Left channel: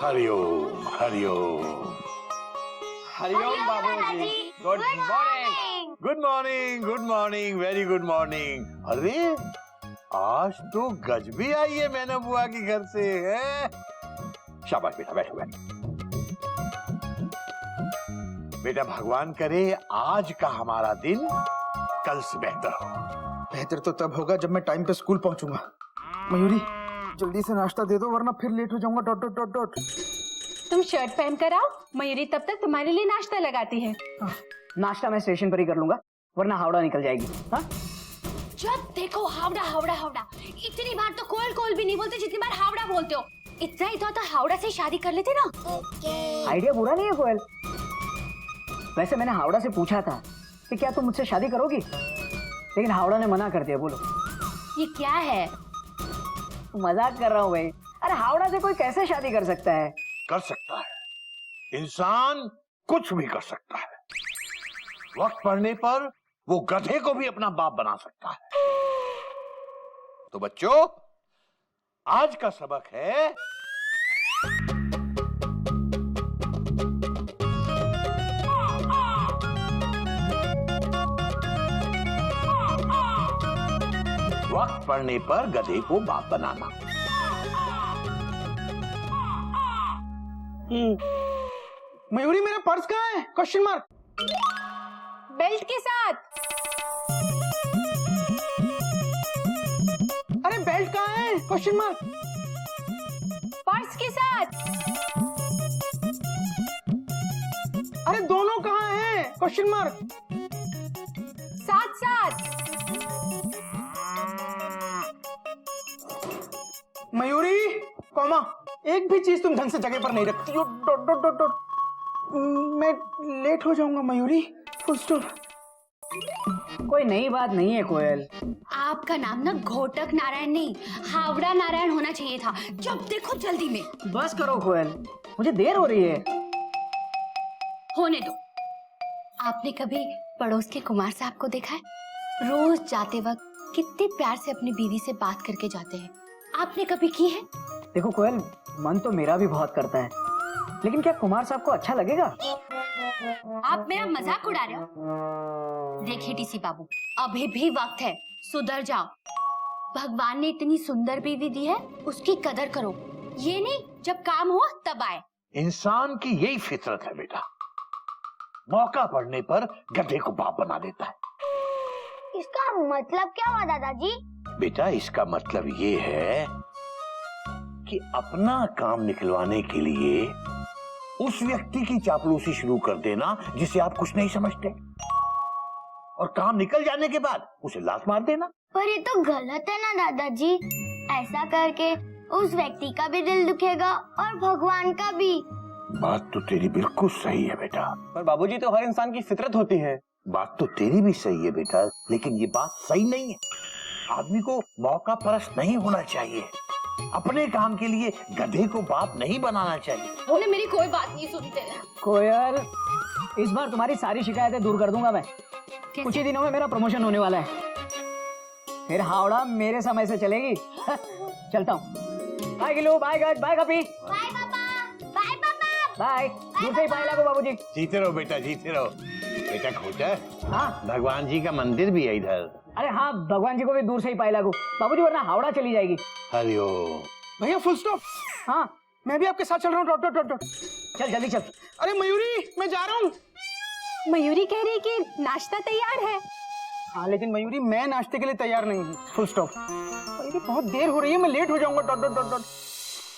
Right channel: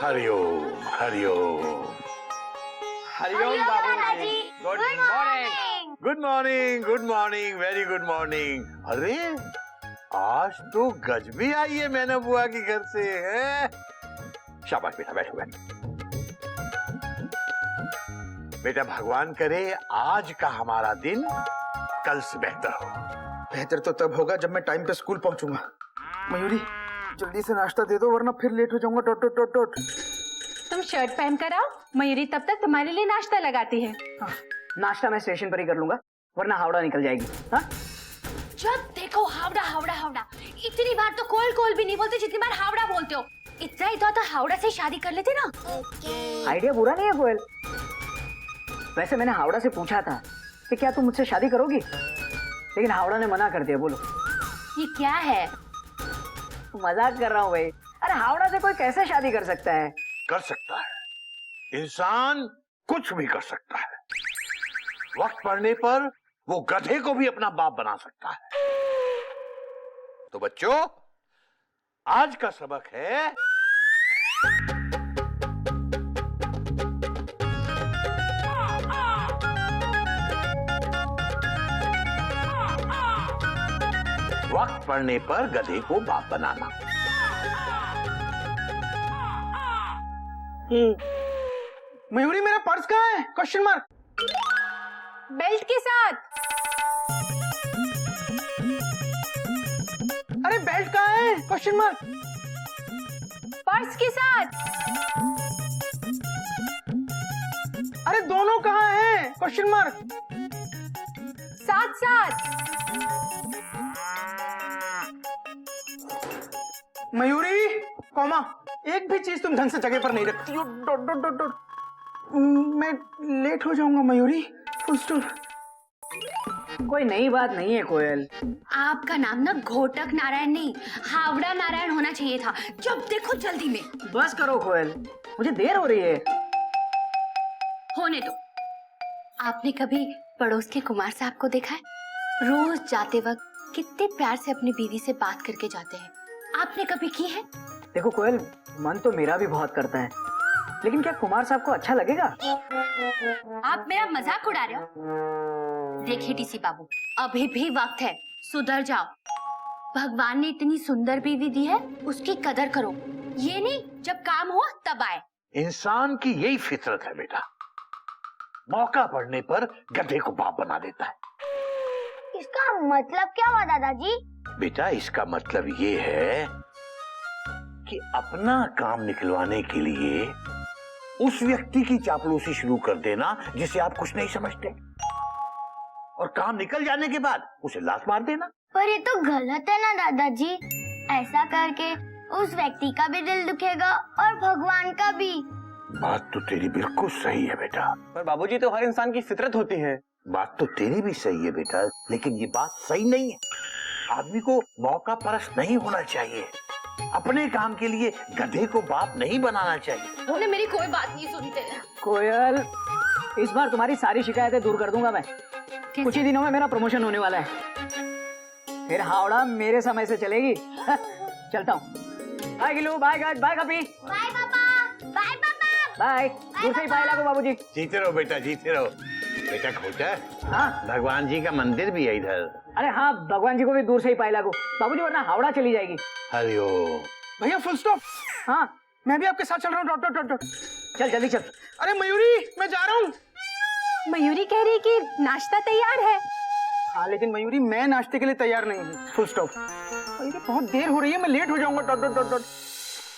हरिओम हरिओम। हरिओम बाबूजी। Good morning. Good morning, good morning, very good morning. अरे आज तो गजबी आई है मैंने बुआ के घर से है। शाबाश बेटा, बैठो बैठो। बेटा भगवान करे आज का हमारा दिन कल से बेहतर हो। बेहतर तो तब होगा जब मैं टाइम पे स्कूल पहुंचूंगा। मयूरी जल्दी से नाश्ता दे दो वरना फिर लेट हो जाऊंगा। Dot dot dot dot. तुम शर्ट पहन कर आओ, मयूरी तब तक तुम्हारे लिए नाश्ता लगाती है। नाश्ता मैं स्टेशन पर ही कर लूंगा वरना हावड़ा निकल जाएगी। हाँ? जब देखो हावड़ा हावड़ा हावड़ा। इतनी बार तो कोयल कोयल भी नहीं बोलते जितनी बार हावड़ा बोलते हो। इतना ही तो हावड़ा से शादी कर लेते ना। आइडिया बुरा नहीं है कोयल। वैसे मैंने हावड़ा से पूछा था कि क्या तुम मुझसे शादी करोगी, लेकिन हावड़ा ने मना कर दिया। बोलो ये क्या है? मजाक कर रहा हूँ भाई। अरे हावड़ा से कोई कैसे शादी कर सकता है? कर सकता है, इंसान कुछ भी कर सकता है। वक्त पड़ने पर वो गधे को भी अपना बाप बना सकता है। तो बच्चों आज का सबक है वक्त पड़ने पर गधे को बाप बनाना। मयूरी मेरा पर्स कहाँ है? Question mark. बेल्ट के साथ। अरे बेल्ट कहाँ है? Question mark. पर्स के साथ। अरे दोनों कहाँ हैं? Question mark. साथ साथ। मयूरी कॉमा एक भी चीज तुम ढंग से जगह पर नहीं रखती हो। Dot dot dot dot. मैं लेट हो जाऊंगा मयूरी। Full stop. कोई नई बात नहीं है कोयल। आपका नाम ना घोटक नारायण नहीं, हावड़ा नारायण होना चाहिए था। जब देखो जल्दी में। बस करो कोयल, मुझे देर हो रही है। होने दो। आपने कभी पड़ोस के कुमार साहब को देखा है? रोज जाते वक्त कितने प्यार से अपनी बीवी से बात करके जाते हैं। आपने कभी की है? देखो कोयल, मन तो मेरा भी बहुत करता है, लेकिन क्या कुमार साहब को अच्छा लगेगा? आप मेरा मजाक उड़ा रहे हो? देखिए टीसी बाबू, अभी भी वक्त है, सुधर जाओ। भगवान ने इतनी सुंदर बीवी दी है, उसकी कदर करो। ये नहीं जब काम हो तब आए। इंसान की यही फितरत है बेटा, मौका पड़ने पर गधे को बाप बना देता है। इसका मतलब क्या हुआ दादाजी? बेटा इसका मतलब ये है कि अपना काम निकलवाने के लिए उस व्यक्ति की चापलूसी शुरू कर देना जिसे आप कुछ नहीं समझते, और काम निकल जाने के बाद उसे लात मार देना। पर ये तो गलत है ना दादाजी। ऐसा करके उस व्यक्ति का भी दिल दुखेगा और भगवान का भी। बात तो तेरी बिल्कुल सही है बेटा। पर बाबूजी तो हर इंसान की फितरत होती है। बात तो तेरी भी सही है बेटा, लेकिन ये बात सही नहीं है। आदमी को मौका परस्त नहीं होना चाहिए। अपने काम के लिए गधे को बाप नहीं बनाना चाहिए। उन्हें मेरी कोई बात नहीं सुनते। कोयल, इस बार तुम्हारी सारी शिकायतें दूर कर दूंगा मैं। कुछ ही दिनों में मेरा प्रमोशन होने वाला है, फिर हावड़ा मेरे समय से चलेगी। चलता हूँ। बाय गिलू, बाय गज, बाय कपी, बाय पापा, बाय पापा, बाय। दूर से ही बाय लागू बाबूजी। जीते रहो बेटा, जीते रहो। बेटा खोटा, हाँ भगवान जी का मंदिर भी है इधर। अरे हाँ, भगवान जी को भी दूर से ही पाए लागू बाबूजी, वरना हावड़ा चली जाएगी। हरिओम। भैया फुल स्टॉप। हाँ मैं भी आपके साथ चल रहा हूँ। Dot dot dot dot. चल जल्दी चल। अरे मयूरी मैं जा रहा हूँ। मयूरी कह रही कि नाश्ता तैयार है। हाँ लेकिन मयूरी मैं नाश्ते के लिए तैयार नहीं हूँ। Full stop. मयूरी बहुत देर हो रही है, मैं लेट हो जाऊंगा। Dot dot dot dot.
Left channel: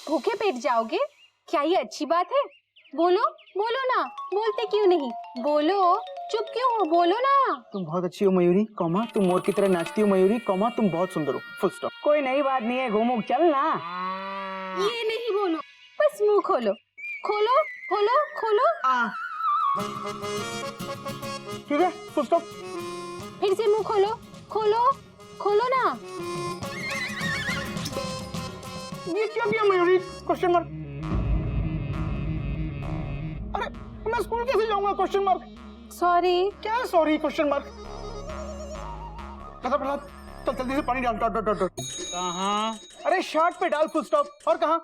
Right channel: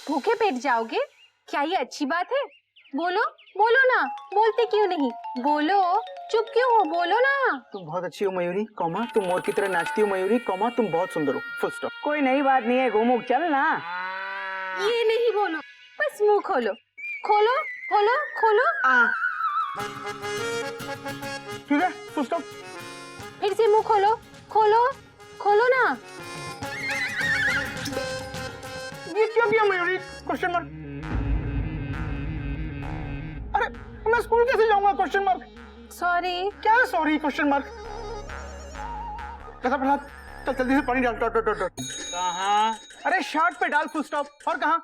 भूखे पेट जाओगे? क्या ये अच्छी बात है? बोलो बोलो ना, बोलते क्यों नहीं? बोलो, चुप क्यों हो? बोलो ना। तुम बहुत अच्छी हो मयूरी, कॉमा तुम मोर की तरह नाचती हो मयूरी, कॉमा तुम बहुत सुंदर हो। Full stop. कोई नई बात नहीं है, घूमू चल ना। ये नहीं बोलो, बस मुंह खोलो। खोलो खोलो खोलो। ठीक है फुल स्टॉप। फिर से मुंह खोलो, खोलो खोलो ना। ये क्या किया मयूरी? Question mark. अरे मैं स्कूल कैसे जाऊंगा? Question mark. सॉरी। क्या सॉरी? Question mark. कैसा प्रहलाद, चल जल्दी से पानी डाल। Dot dot dot dot. कहाँ? अरे शर्ट पे डाल। Full stop. और कहाँ?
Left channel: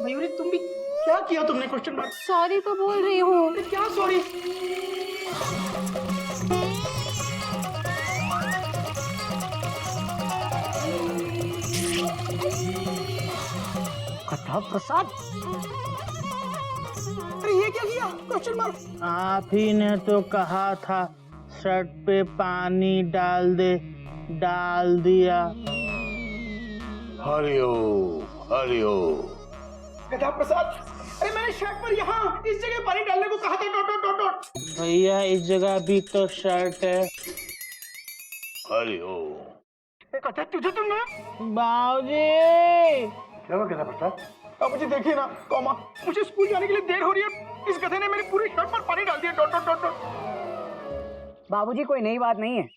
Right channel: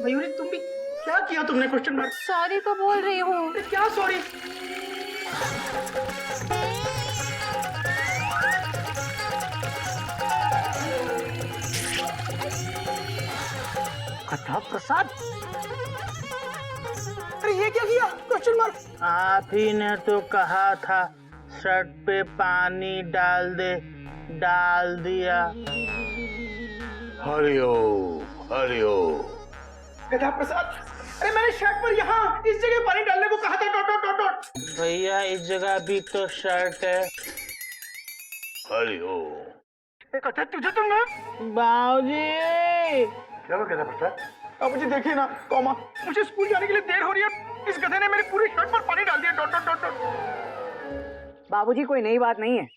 मयूरी तुम भी क्या किया तुमने? Question mark. सॉरी तो बोल रही हूँ। क्या सॉरी? कथा प्रसाद, अरे ये क्या किया? Question mark. आप ही ने तो कहा था शर्ट पे पानी डाल दे, डाल दिया। हरिओम हरिओम। गधा प्रसाद, अरे मैंने शर्ट पर यहाँ इस जगह पानी डालने को कहा था। Dot dot dot dot. भैया इस जगह भी तो शर्ट है। हरिओम। कथा तुझे तुमने बाबूजी, क्या हुआ गधा प्रसाद? अब मुझे देखिए ना कॉमा, मुझे स्कूल जाने के लिए देर हो रही है। इस गधे ने मेरी पूरी शर्ट पर पानी डाल दिया। Dot dot dot dot. बाबूजी कोई नई बात नहीं है।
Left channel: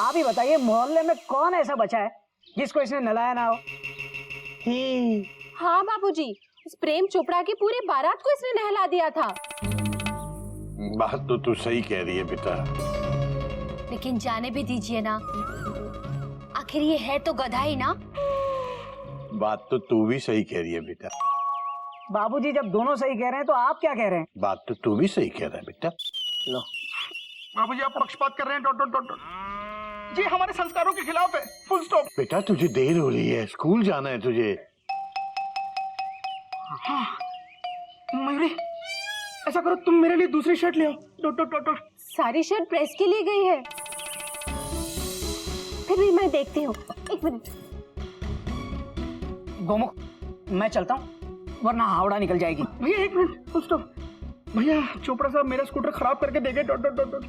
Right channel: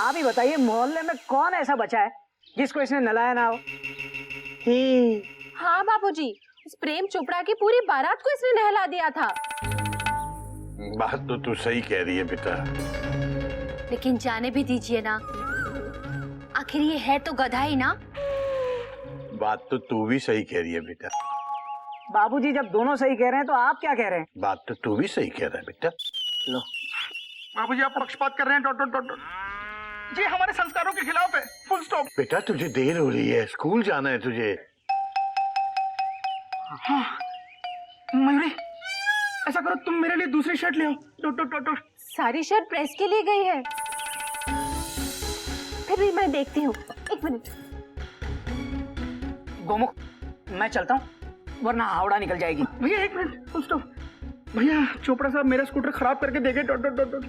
आप ही बताइए, मोहल्ले में कौन ऐसा बचा है जिसको इसने नहलाया ना हो? हाँ बाबूजी, उस प्रेम चोपड़ा की पूरी बारात को इसने नहला दिया था। बात तो तू सही कह रही है बेटा, लेकिन जाने भी दीजिए ना, आखिर ये है तो गधा ही ना। बात तो तू भी सही कह रही है बेटा। बाबूजी जब दोनों सही कह रहे हैं तो आप क्या कह रहे हैं? बात तो तू भी सही कह रहा है बेटा। लो, बाबूजी आप पक्षपात कर रहे हैं। Dot dot dot dot. ये हमारे संस्कारों के खिलाफ है। Full stop. बेटा तुझे देर हो रही है, स्कूल जाना है तुझे। हाँ मयूरी, ऐसा करो तुम मेरे लिए दूसरी शर्ट ले आओ। Dot dot dot dot. सारी शर्ट प्रेस के लिए गई है। फिर भी मैं देखती हूँ, एक मिनट। गोमुख, मैं चलता हूँ वरना हावड़ा निकल जाएगी। भैया एक मिनट, फुल स्टॉप। भैया चोपड़ा साहब मेरा स्कूटर खराब करके दे गए। Dot dot dot dot.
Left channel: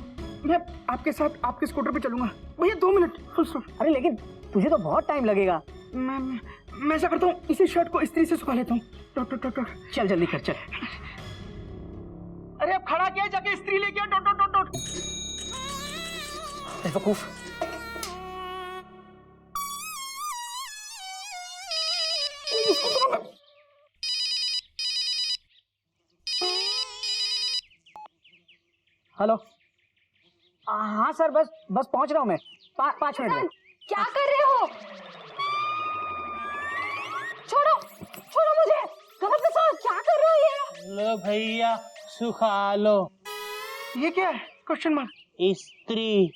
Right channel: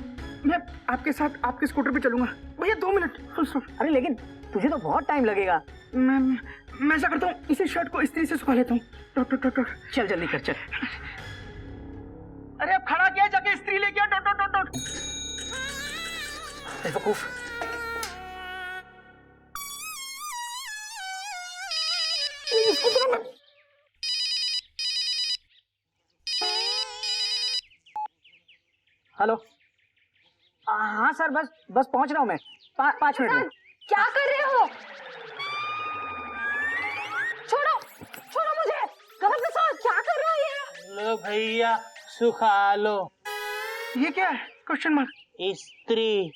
मैं आपके साथ आपके स्कूटर पे चलूंगा। भैया 2 मिनट, फुल स्टॉप। अरे लेकिन तुझे तो बहुत टाइम लगेगा। मैं ऐसा करता हूँ, इसी शर्ट को इस्त्री से सुखा लेता हूँ। Dot dot dot dot. चल जल्दी कर, चल। अरे अब खड़ा किया, जाके इस्त्री लेके आ। Dot dot dot dot. बेवकूफ। हेलो। हाँ सर, बस पहुंच रहा हूँ मैं। 5 मिनट में। क्या कर रहे हो? छोड़ो, छोड़ो मुझे। गलत प्रसाद, क्या कर रहे हो ये? लो भैया सुखा लो। ये क्या है? Question mark. स्त्री।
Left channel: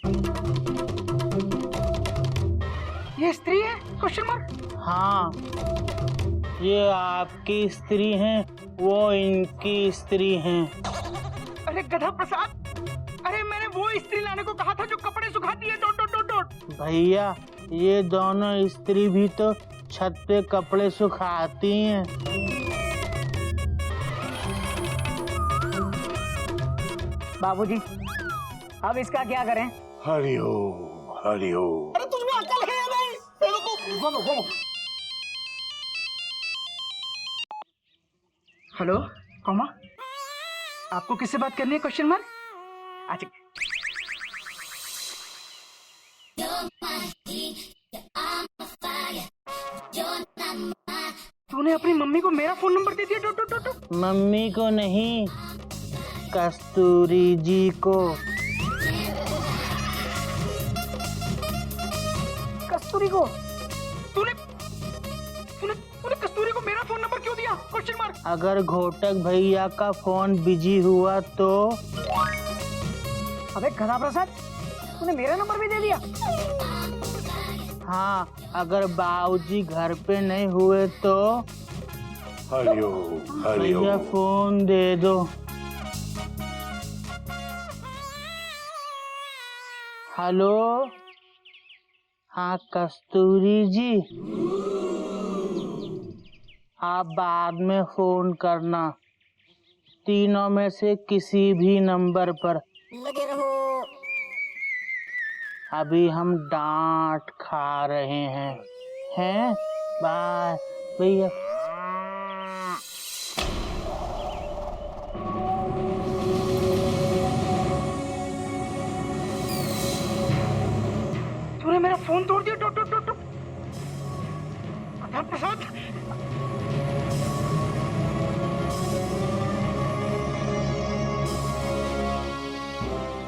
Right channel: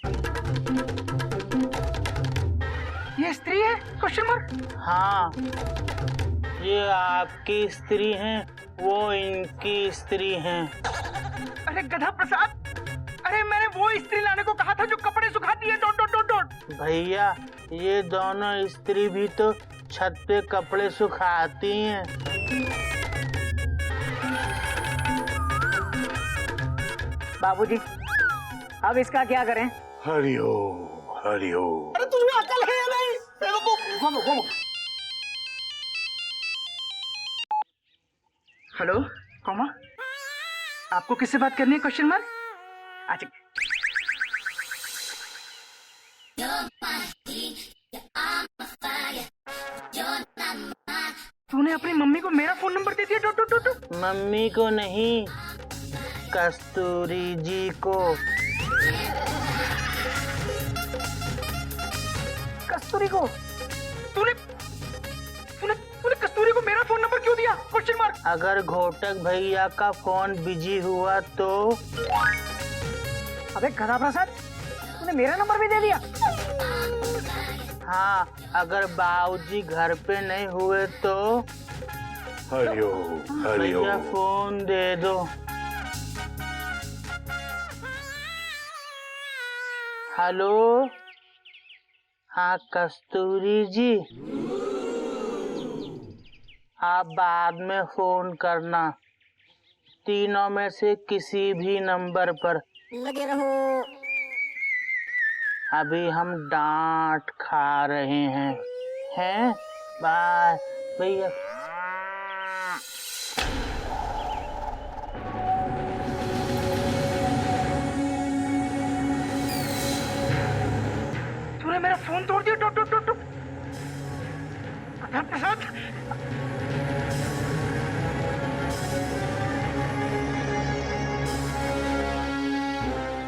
ये स्त्री है? Question mark. हाँ, ये आपकी स्त्री हैं, वो इनकी स्त्री हैं। अरे गधा प्रसाद, अरे मैंने वो स्त्री लाने को कहा था जो कपड़े सुखाती है। Dot dot dot dot. भैया ये दोनों स्त्री भी तो छत पे कपड़े सुखाती हैं। बाबूजी अब इसका क्या करें? हरिओम हरिओम। अरे तुझमें अकल है या नहीं? बेवकूफ। गोमुख, गोमुख। हेलो कॉमा, आपको किससे बात करनी है? Question mark. अच्छा, तूने अपनी मम्मी को मेरा फोन नंबर दे दिया। Dot dot dot. मम्मी को नहीं, कस्तूरी जी को। कस्तूरी को? तूने तूने तूने कस्तूरी को मेरा फोन नंबर क्यों दिया? Question mark. अगर घोटक भैया का फोन बिजी हुआ तो? अबे गधा प्रसाद, तूने मेरा नंबर भी दे दिया? हाँ, अगर बाबूजी घर पे नहीं हुए तो? हरिओम भैया हरिओम। फोन दे दो। हेलो, हाँ कस्तूरी जी, आप बाद में फोन करना, तीनों में से किसी भी नंबर पर। लगे रहो। अभी हम डांट खा रहे हैं? बाय भैया। तूने मेरा फोन तोड़ दिया। Dot dot dot dot. गधा प्रसाद,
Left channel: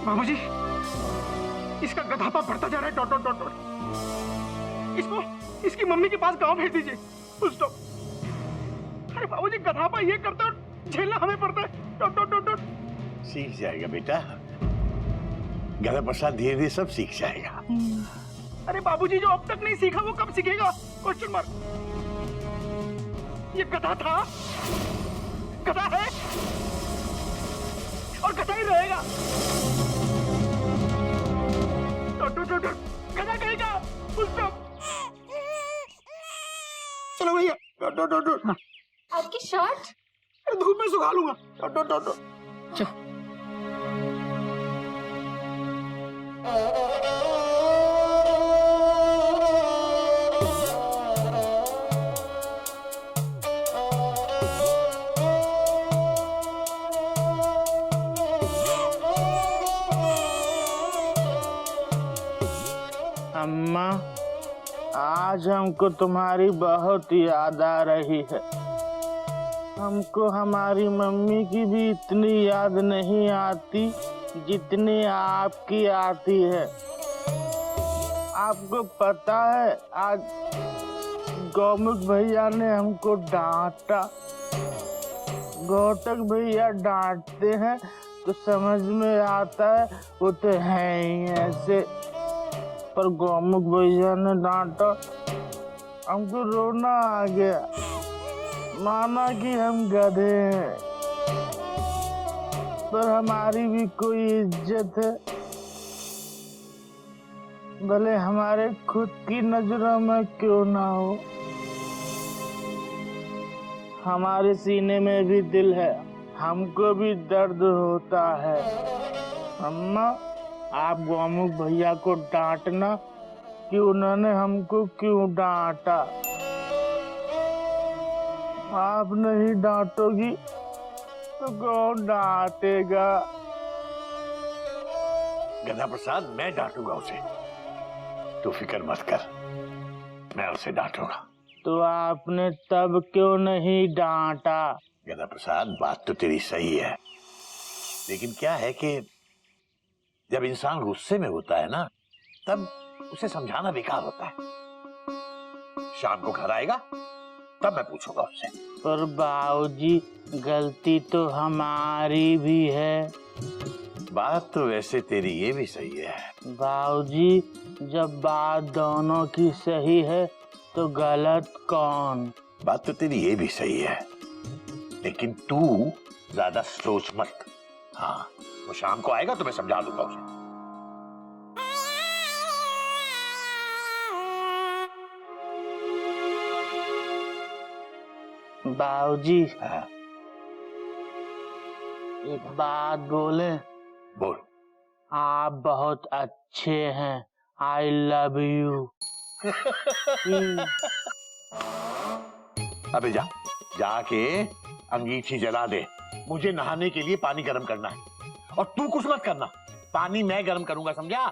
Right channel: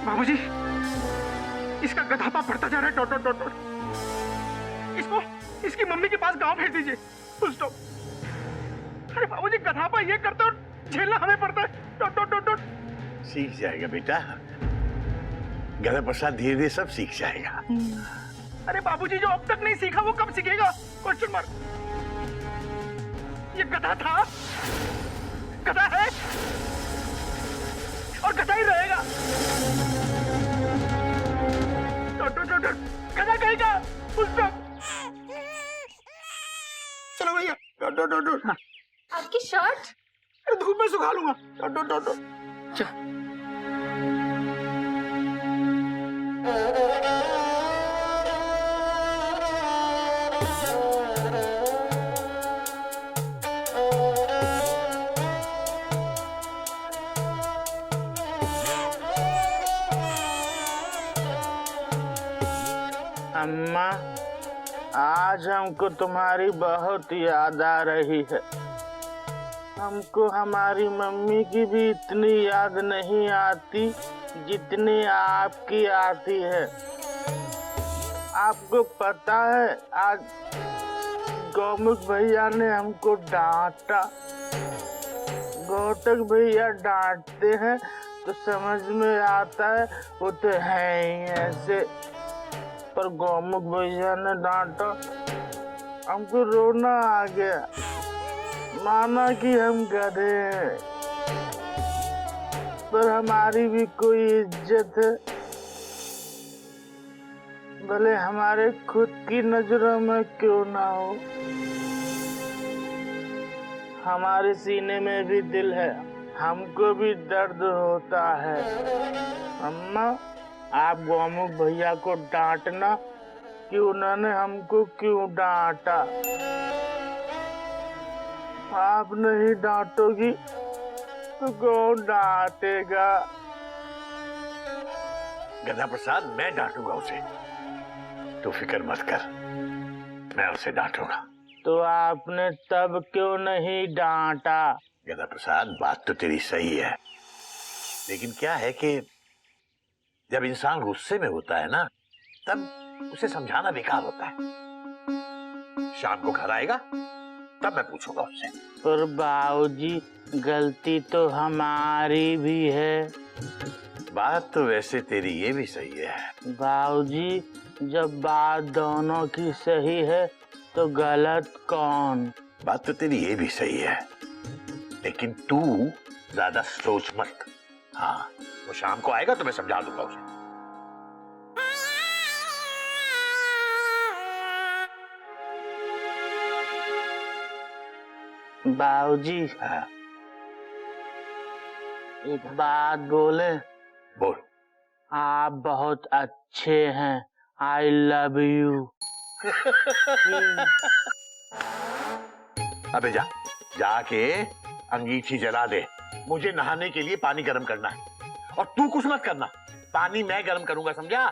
बाबूजी इसका गधापा बढ़ता जा रहा है। Dot dot dot dot. इसको इसकी मम्मी के पास गांव भेज दीजिए। Full stop. अरे बाबूजी गधा पर ये करते हो, झेलना हमें पड़ता है। Dot dot dot dot. सीख जाएगा बेटा, गधा प्रसाद धीरे धीरे सब सीख जाएगा। अरे बाबूजी जो अब तक नहीं सीखा वो कब सीखेगा? Question mark. ये गधा था, गधा है और गधा ही रहेगा। Dot dot dot dot. गधा कहेगा फुल स्टॉप। चलो भैया। Dot dot dot dot. आपकी शर्ट अरे धूप में सुखा लूंगा। Dot dot dot dot. अम्मा, आज हमको तुम्हारी बहुत याद आ रही है। हमको हमारी मम्मी की भी इतनी याद नहीं आती जितनी आपकी आती है। आपको पता है आज गौमुख भैया ने हमको डांटा। गौतक भैया डांटते हैं तो समझ में आता है वो तो है ही ऐसे, पर गौमुख भैया ने डांटा, हमको रोना आ गया। माना कि हम गधे हैं, पर हमारी भी कोई इज्जत है। भले हमारे खुद की नजरों में क्यों ना हो, हमारे सीने में भी दिल है, हमको भी दर्द होता है। अम्मा, आप गौमुख भैया को डांटना कि उन्होंने हमको क्यों डांटा। आप नहीं डांटोगी तो कौन डांटेगा? गधा प्रसाद मैं डांटूंगा उसे, तू फिक्र मत कर, मैं उसे डांटूंगा। तो आपने तब क्यों नहीं डांटा? गधा प्रसाद बात तो तेरी सही है, लेकिन क्या है कि जब इंसान गुस्से में होता है ना, तब उसे समझाना बेकार होता है। शाम को घर आएगा तब मैं पूछूंगा उससे। पर बाबूजी, गलती तो हमारी भी है। बात तो वैसे तेरी ये भी सही है। बाबूजी, जब बात दोनों की सही है तो गलत कौन? बात तो तेरी ये भी सही है, लेकिन तू ज्यादा सोच मत। हाँ, वो शाम को आएगा तो मैं समझा दूंगा उसे। बाबूजी, हाँ, एक बात बोले? बोल। आप बहुत अच्छे हैं, आई लव यू। अबे जा, जाके अंगीठी जला दे। मुझे नहाने के लिए पानी गर्म करना है, और तू कुछ मत करना, पानी मैं गर्म करूंगा, समझा?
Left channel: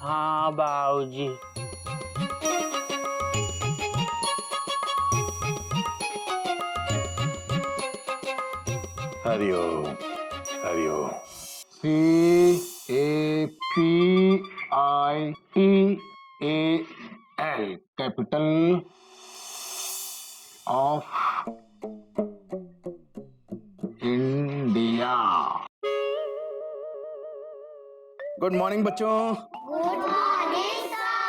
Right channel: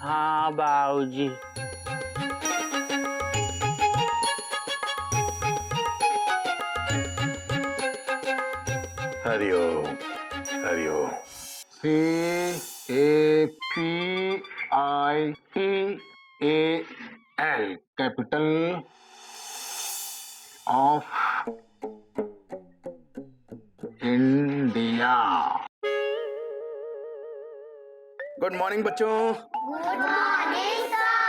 हाँ बाबूजी। Hari Om Hari Om. CAPITAL capital of India. Good morning बच्चों। Good morning sir.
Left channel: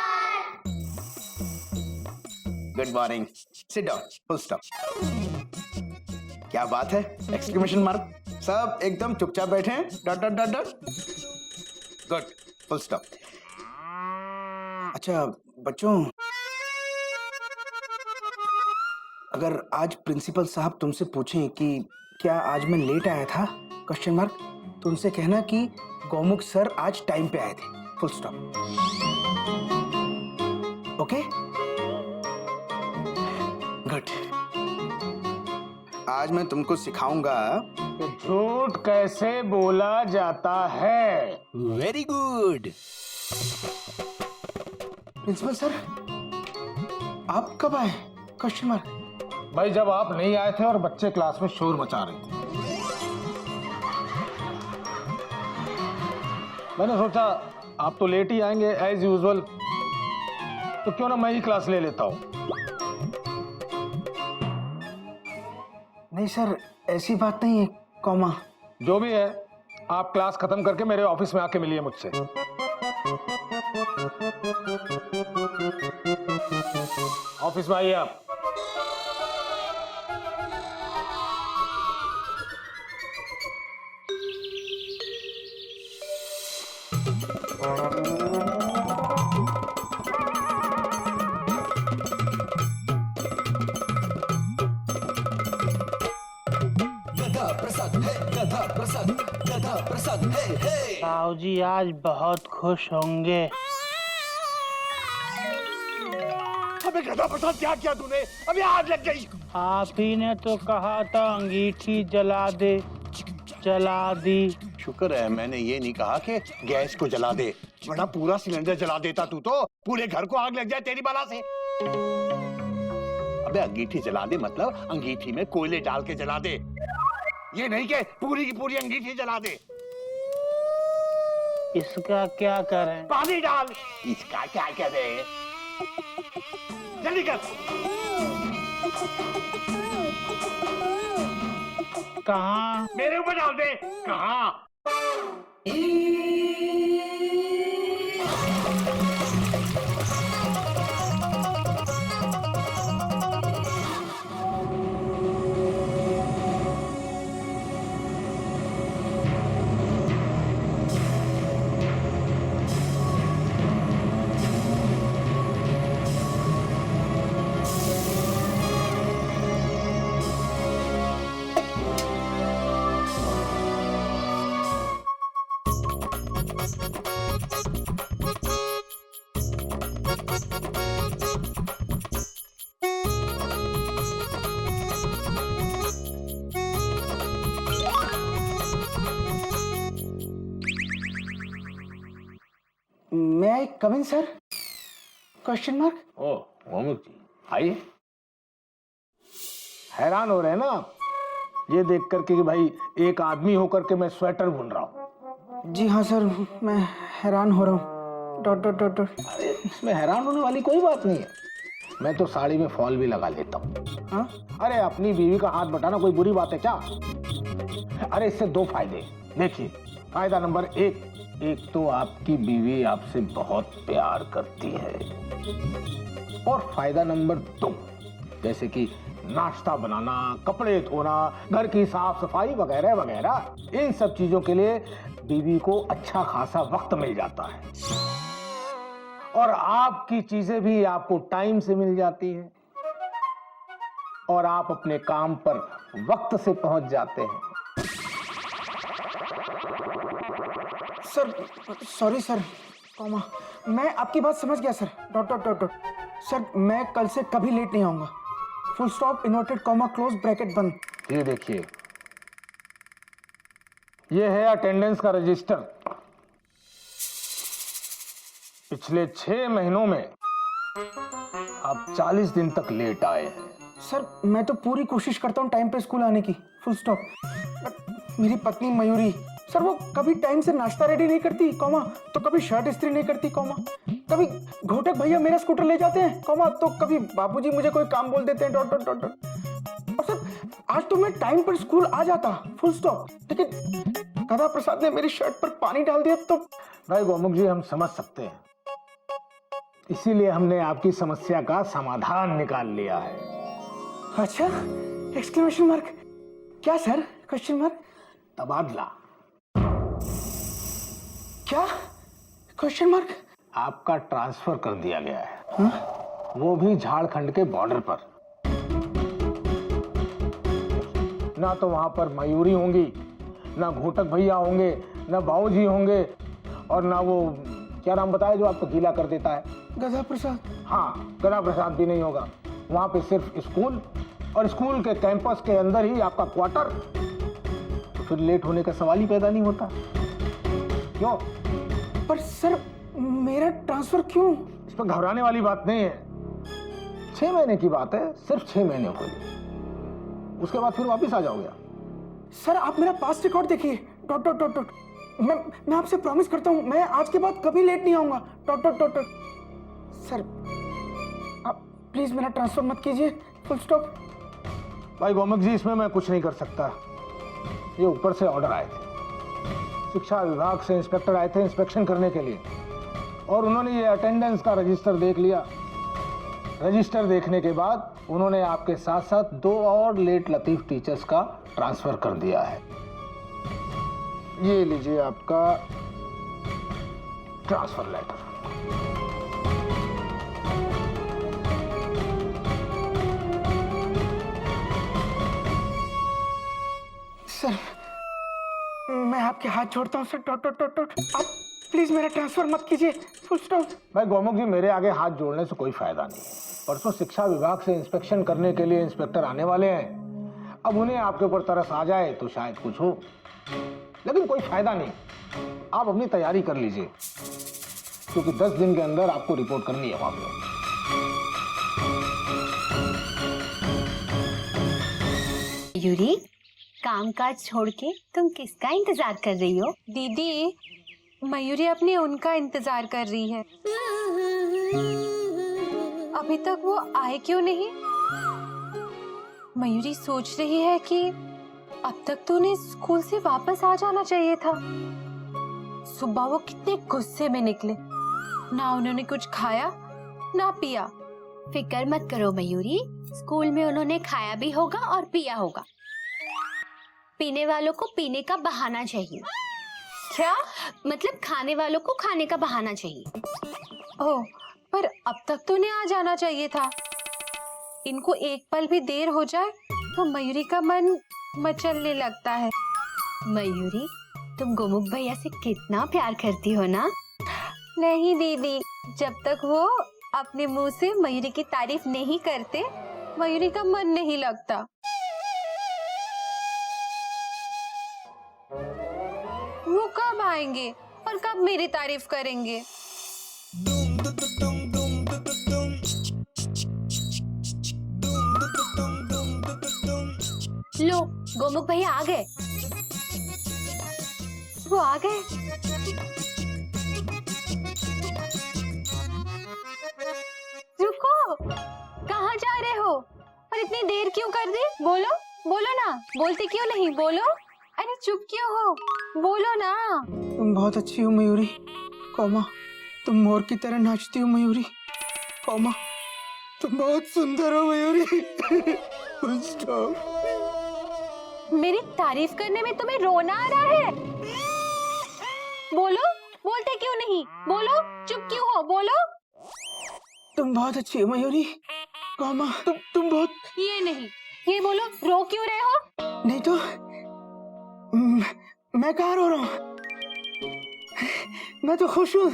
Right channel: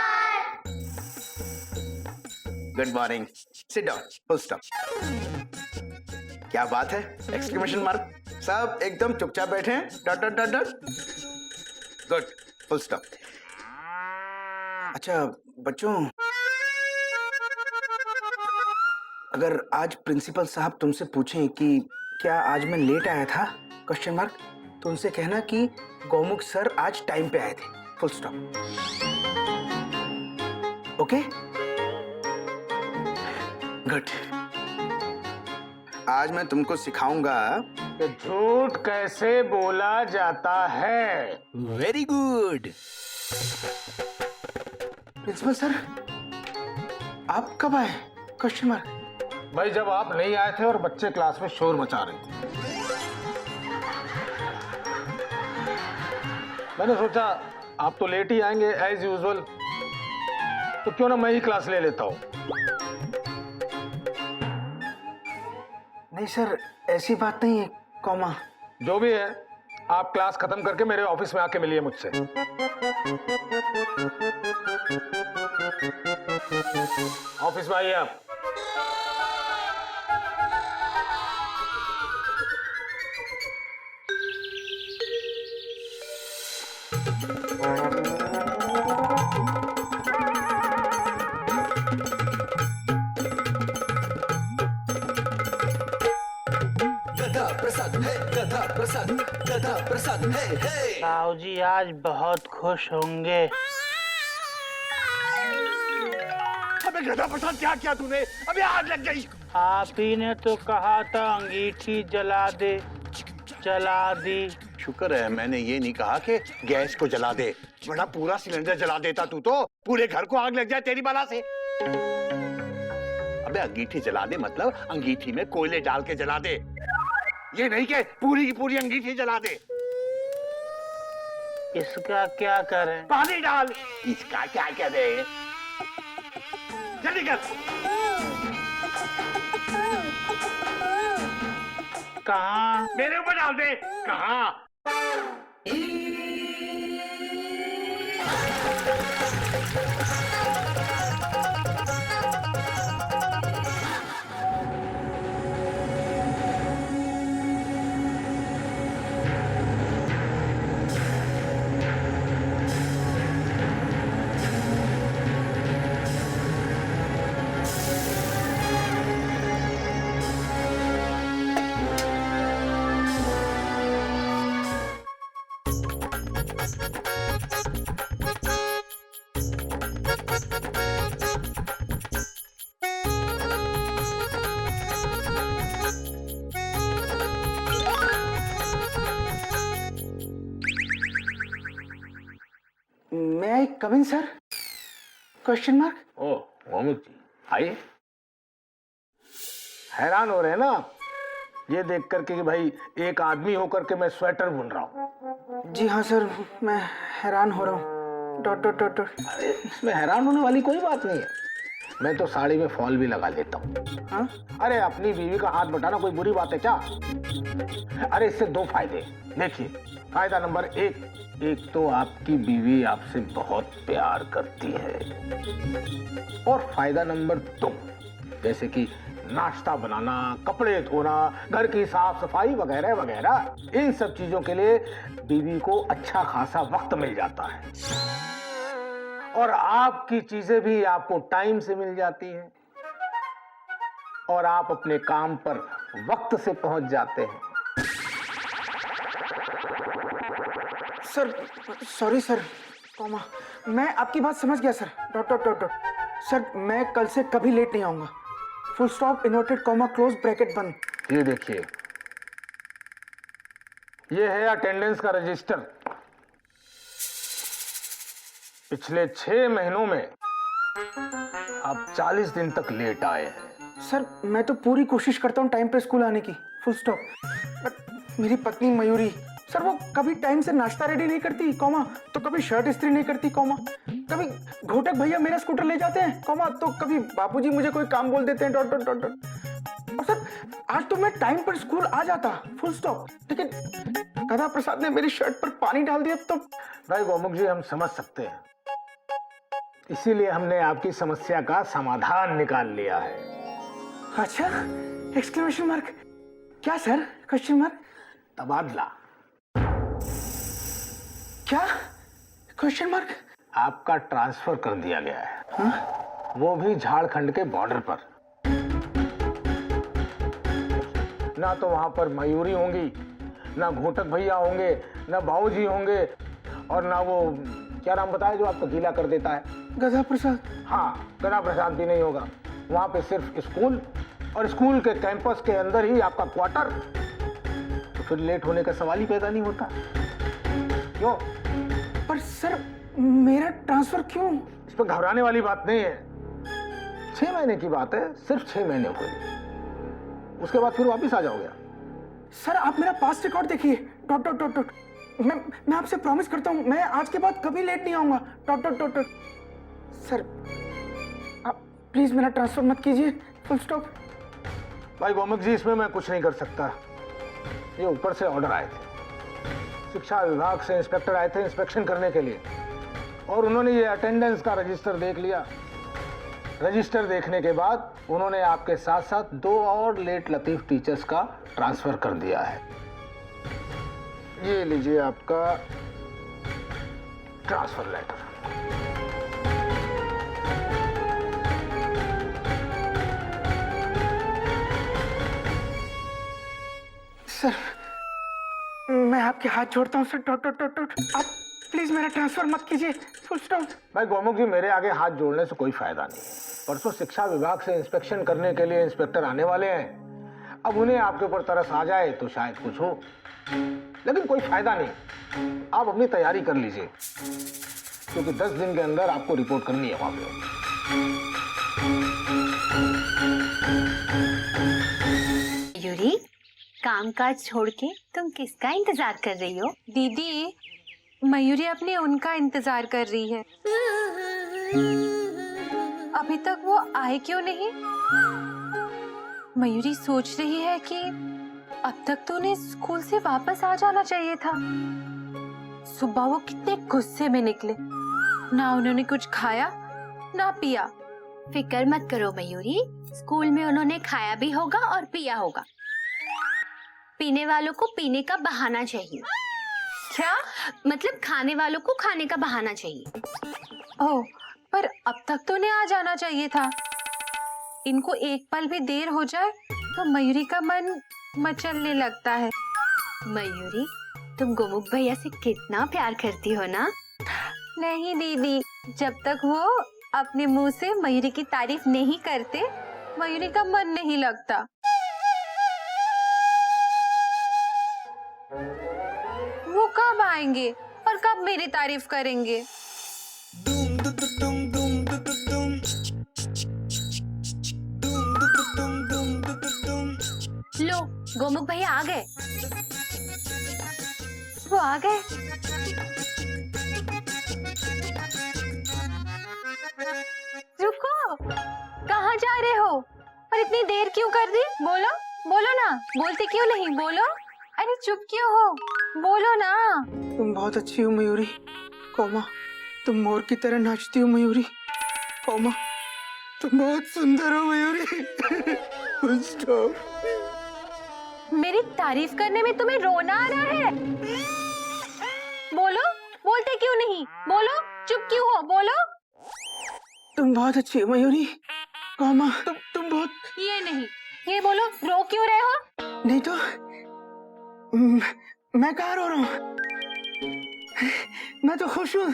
Good morning. Sit down, full stop. क्या बात है? Exclamation mark. सब एकदम चुपचाप बैठे हैं। Dot dot dot dot. Good, full stop. अच्छा बच्चों, अगर आज प्रिंसिपल साहब तुमसे पूछें कि क्या आज मैं लेट आया था, क्वेश्चन मार्क, तो उनसे कहना कि गौमुख सर आज टाइम पे आए थे, फुल स्टॉप। Okay, good. आज मैं तुमको सिखाऊंगा कि झूठ कैसे बोला जाता है। Very good. प्रिंसिपल सर, आप कब आए, क्वेश्चन मार्क। भाई जब आप नहीं आए थे और बच्चे क्लास में शोर मचा रहे थे, मैंने सोचा आप तो लेट ही आएंगे एज यूजुअल, तो क्यों ना मैं ही क्लास ले लेता हूं। नहीं सर, ऐसी बात नहीं है, कॉमा। जो भी है, आप क्लास खत्म करके मेरे ऑफिस में आके मिलिए मुझसे। ऑफिस में आइए आप। साहू जी आज बहुत खुश होंगे। अबे गधा प्रसाद, क्या किया तूने? अबे आग लग गई। आप ही ने तो कहा था अंगीठी जला दे, जला दी। शुक्र है मैंने ये नहीं कहा कि गैस को जला दे, वरना पूरा सिलेंडर जला देता तू तो पूरे घर को आग लग जाए तेरी बला से। अबे अंगीठी जला दे मतलब अंगीठी में कोयले डाल के जला दे, ये नहीं कि पूरी की पूरी अंगीठी जला दे। इसका क्या करें? पानी डाल। इसका क्या करें? जल्दी कर। कहाँ? मेरे ऊपर डाल दे। कहाँ? May I come in sir? Question mark. ओ गोमुख जी, आइए। हैरान हो रहे हैं ना आप ये देख करके कि भाई एक आदमी होकर के मैं स्वेटर बुन रहा हूँ? जी हाँ सर, मैं हैरान हो रहा हूँ। Dot dot dot dot. अरे इसमें हैरान होने वाली कोई बात नहीं है, मैं तो साड़ी में फॉल भी लगा लेता हूँ। हाँ? अरे अपनी बीवी का हाथ बटाना कोई बुरी बात है क्या? अरे इससे दो फायदे, देखिए। फायदा नंबर एक तो आपकी बीवी आपसे बहुत प्यार करती है, और फायदा नंबर दो, जैसे कि नाश्ता बनाना, कपड़े धोना, घर की साफ सफाई वगैरह वगैरह, इन सब चीजों के लिए बीवी को अच्छा खासा वक्त मिल जाता है, और आपकी चीजें भी आपको टाइम से मिल जाती हैं, और आप अपने काम पर वक्त से पहुंच जाते हैं। Sir sorry sir, comma. मैं आपकी बात समझ गया sir. Dot dot dot dot. Sir मैं कल से कभी लेट नहीं आऊंगा। Full stop, inverted comma, close bracket बंद। ये देखिए, ये है अटेंडेंस का रजिस्टर। पिछले 6 महीनों में आप 40 दिन तक लेट आए हैं। सर मैं तो पूरी कोशिश करता हूँ टाइम पे स्कूल आने की। Full stop. बट मेरी पत्नी मयूरी सर, वो कभी टाइम से नाश्ता रेडी नहीं करती, कॉमा, तो कभी शर्ट इस्त्री नहीं करती, कॉमा, कभी घोटक भैया मेरा स्कूटर ले जाते हैं, कॉमा, तो कभी बापूजी मुझे कोई काम बोल देते हैं, डॉट डॉट डॉट डॉट। और सर आज तो मैं टाइम पर स्कूल आ जाता, फुल स्टॉप, लेकिन गधा प्रसाद ने मेरी शर्ट पर पानी डाल दिया तो। भाई गोमुख जी, हम समझ सकते हैं, इसीलिए हमने आपकी समस्या का समाधान निकाल लिया है। अच्छा, एक्सक्लेमेशन मार्क। क्या सर? Question mark. तबादला। क्या? Question mark. आपका ट्रांसफर कर दिया गया है। हाँ? वो भी झारखंड के बॉर्डर पर। ना तो वहां पर मयूरी होंगी, ना घोटक भैया होंगे, ना बाबूजी होंगे, और ना वो क्या नाम बताया जो आपको गीला कर देता है? गधा प्रसाद। हाँ, गधा प्रसाद भी नहीं होगा। वहां पे सिर्फ स्कूल, और स्कूल के कैंपस के अंदर ही आपका क्वार्टर। तो फिर लेट होने का सवाल ही पैदा नहीं होता। क्यों? पर सर मेरा ट्रांसफर क्यों? इस पर घबराने वाली बात नहीं है। 6 महीने की बात है, सिर्फ 6 महीने के लिए। उसके बाद फिर वापिस आ जाओगे। सर आप मेरा पास्ट रिकॉर्ड देखिए। Dot dot dot dot. मैं आपसे प्रॉमिस करता हूँ मैं आज के बाद कभी लेट नहीं आऊंगा। Dot dot dot dot. Sir आप प्लीज मेरा ट्रांसफर मत कीजिए। Full stop. भाई गोमुख जी, इसमें मैं कुछ नहीं कर सकता। ये ऊपर से ऑर्डर आए थे, शिक्षा विभाग से इंस्पेक्टर आए थे इंस्पेक्शन करने के लिए, और उन्होंने ये अटेंडेंस का रजिस्टर देख लिया। रजिस्टर देखने के बाद उन्होंने आपके साथ साथ 2 और लेट लतीफ टीचर्स का ट्रांसफर कर दिया है। ये लीजिए आपका ट्रांसफर लेटर। सर, मैं आपके हाथ जोड़ता हूँ sir. Dot dot dot dot. आप प्लीज मेरा ट्रांसफर मत कीजिए। Full stop. भाई गोमुख जी, मेरे आगे हाथ जोड़ने से कोई फायदा नहीं। परसों शिक्षा विभाग से इंस्पेक्शन करने के लिए इंस्पेक्टर आने वाले हैं। अब उन्हें आपके ऊपर तरस आ जाए तो शायद कुछ हो, लेकिन कोई फायदा नहीं। आप अपनी तैयारी कर लीजिए, क्योंकि 10 दिन के अंदर आपको रिपोर्ट करनी है वहां पे। मयूरी, काम काज छोड़ के तुम किसका इंतजार कर रही हो? दीदी, मयूरी अपने उनका इंतजार कर रही है। अभी तक वो आए क्यों नहीं? मयूरी सोच रही है कि अब तक तो उन्हें स्कूल से वापस आ जाना चाहिए था। सुबह वो कितने गुस्से में निकले, ना उन्होंने कुछ खाया ना पिया। फिक्र मत करो मयूरी, स्कूल में उन्होंने खाया भी होगा और पिया होगा। पीने वालों को पीने का बहाना चाहिए। क्या? मतलब खाने वालों को खाने का बहाना चाहिए। ओह, पर अब तक तो उन्हें आ जाना चाहिए था। इनको एक पल भी देर हो जाए तो मयूरी का मन मचलने लगता है। मयूरी, तुम गोमुख भैया से कितना प्यार करती हो ना? नहीं दीदी, जब तक वो अपने मुंह से मयूरी की तारीफ नहीं करते, मयूरी का मन नहीं लगता। वो कब आएंगे और कब मेरी तारीफ करेंगे? लो, गोमुख भैया आ गए। वो आ गए। रुको, कहाँ जा रहे हो? और इतनी देर क्यों कर दी? बोलो बोलो ना, बोलते क्यों नहीं? बोलो। अरे चुप क्यों हो? बोलो ना। तुम बहुत अच्छी हो मयूरी, कोमा। तुम मोर की तरह नाचती हो मयूरी, कोमा। तुम बहुत सुंदर हो मयूरी। Full stop. मेरी तारीफ करने में तुम्हें रोना आ रहा है? बोलो, बोलते क्यों नहीं? बोलो, चुप क्यों हो? बोलो। तुम बहुत अच्छी हो मयूरी, कोमा। तुम बहुत। ये नहीं, ये बोलो, रो क्यों रहे हो? नहीं तो मैं कहाँ रो रहा हूँ? मैं तो खुश हूँ।